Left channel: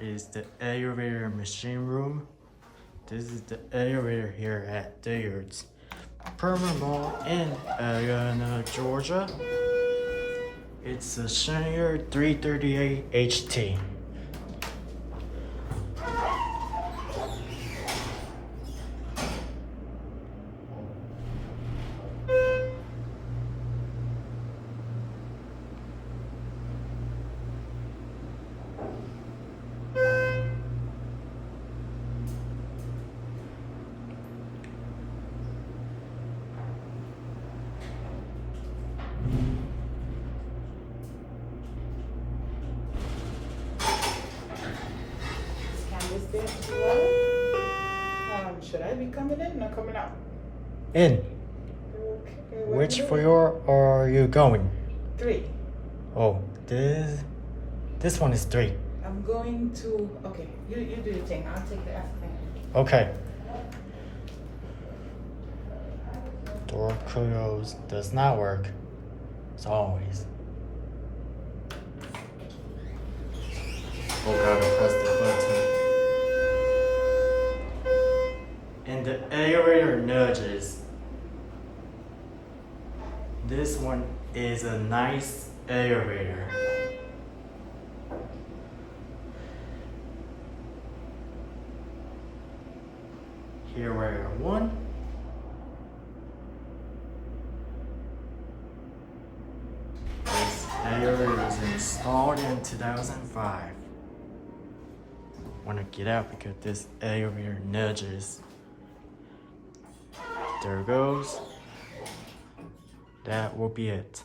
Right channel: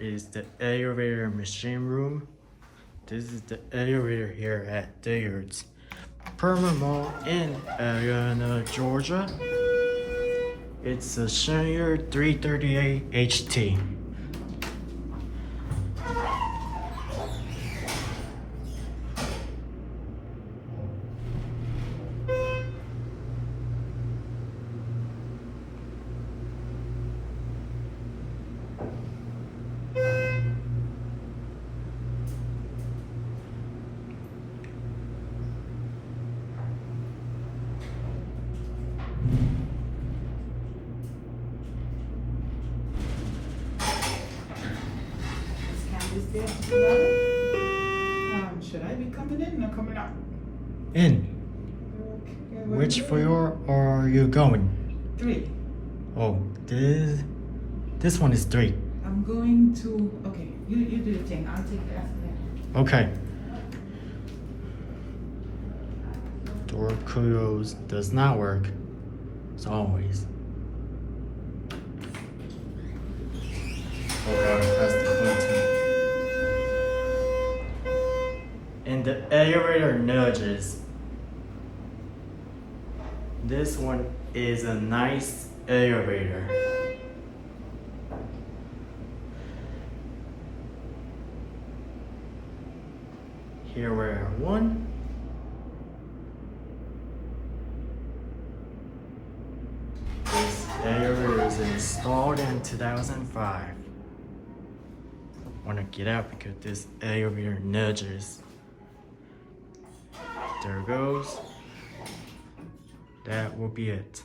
is the elevator machine room. This is the elevator here at Dillard's Permanent Mall in Atlanta, Georgia. It's a Schindler 330A HT. Should I be coming in or coming out? In. Okay, Which floor are you going? 3. Oh, this one is 3. I'm going to, okay, you do your thing. I'll take the afternoon. Okay. Door close does not work, as always. Oh, gotta press the button. And the elevator nudges. This one is a nice elevator. Here we're 1. This elevator was installed in 2005. Want to get out because this elevator nudges. There it goes. That will be it.